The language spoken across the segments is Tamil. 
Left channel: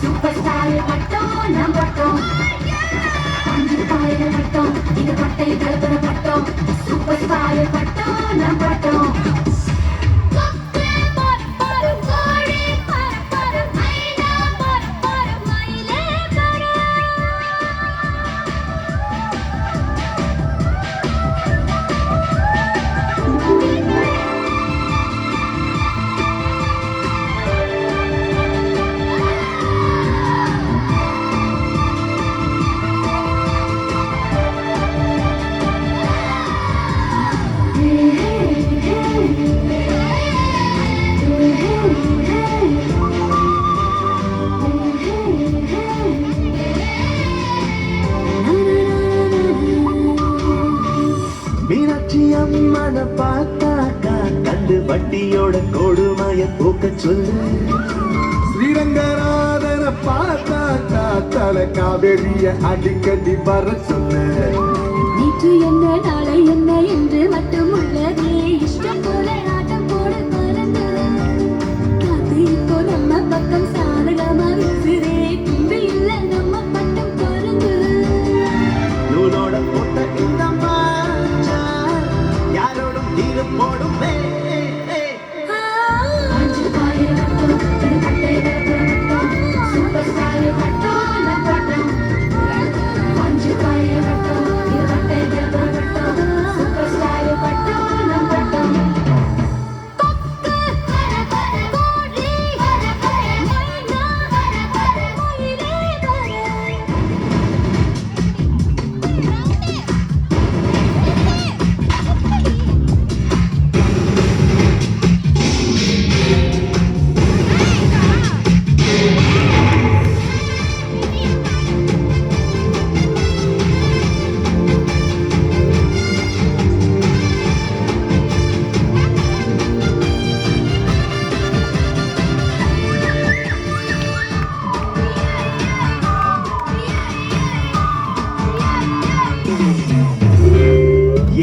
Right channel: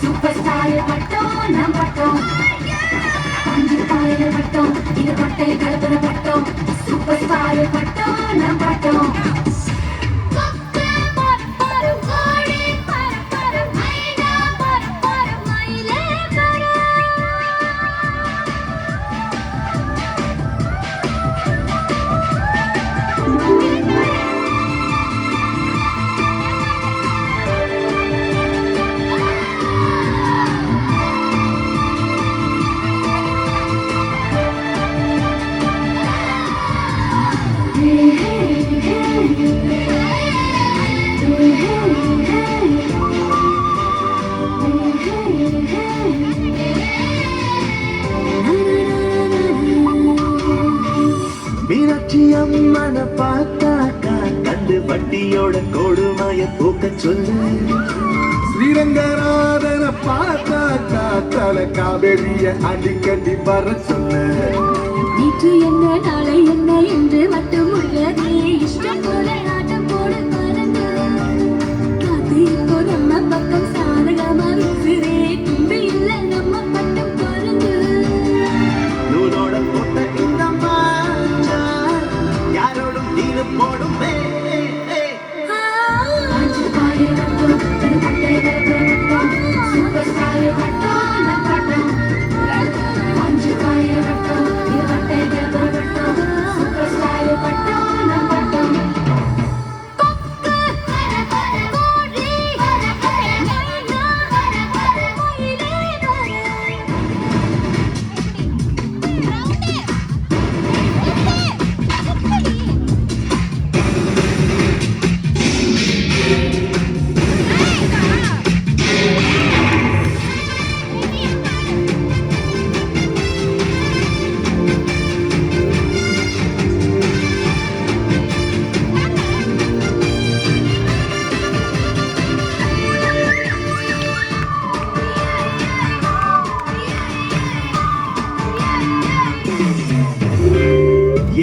சூப்பர் ஸ்டார் பட்டம் நம் பட்டம் அஞ்சு காயல் பட்டம் இது பட்டை கலப்புற பட்டம் சூப்பர் ஸ்டார் பட்டம் நம் பட்டம் மீனாட்சி அம்மன பார்த்தாக்கா கண்டு வண்டியோட கொடுமைய போக்க சொல்லு ஸ்ரீரங்கராதன பார்த்தாக்கா தல காவேரிய அடிக்கடி வர சொல்ல நேற்று என்ன நாளை என்ன என்று மட்டும் உள்ளதே இஷ்டம் போல நாட்டம் போட மறந்து அது இப்போ நம்ம பக்கம் சாதகமா இருக்குதே தும்பி இல்ல நம்ம பட்டம் பறந்து நூலோட போட்ட இந்த மாஞ்சா யாரோடும் தீரம் போடுமே அஞ்சு காயல் பட்டம் இது பட்டை கலப்புற பட்டம் சூப்பர் ஸ்டார் பட்டம் நம் பட்டம் அஞ்சு காயல் பட்டம் இது பட்டை கலப்புற பட்டம் சூப்பர் ஸ்டார் பட்டம் நம் பட்டம்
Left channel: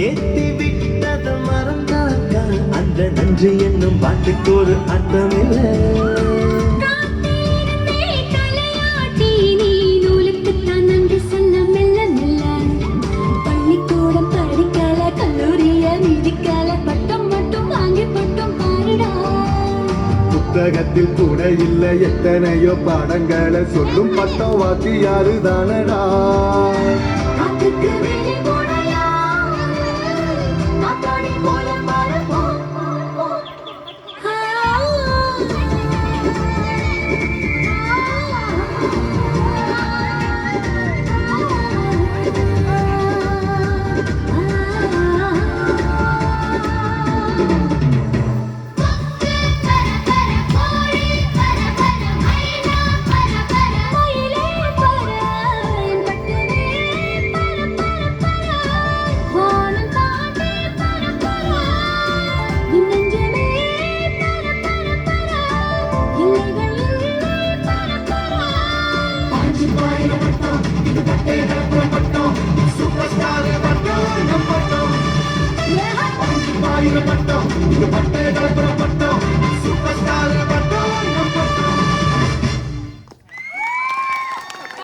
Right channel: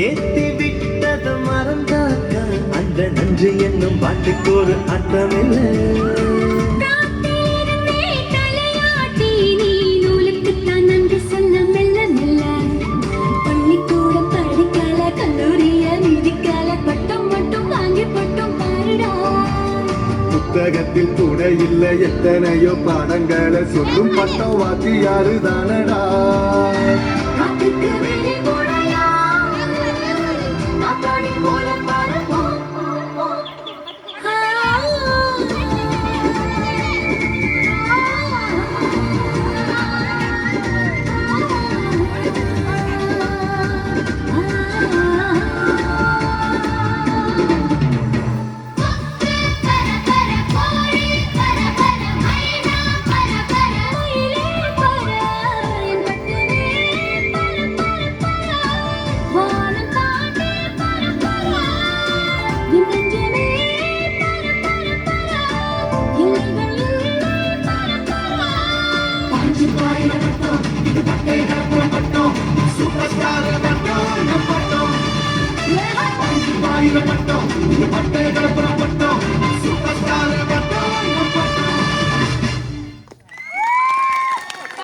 ஏத்தி விட்டத மறந்தாக்கா அந்த நன்றி என்னும் பாட்டுக்கு ஒரு அர்த்தம் இல்லை புத்தகத்தில் கூட இல்லை எத்தனையோ பாடங்களை சொல்லும் பட்டம் வாத்தியாரு தானடா சூப்பர் ஸ்டார் பட்டம் பட்டம்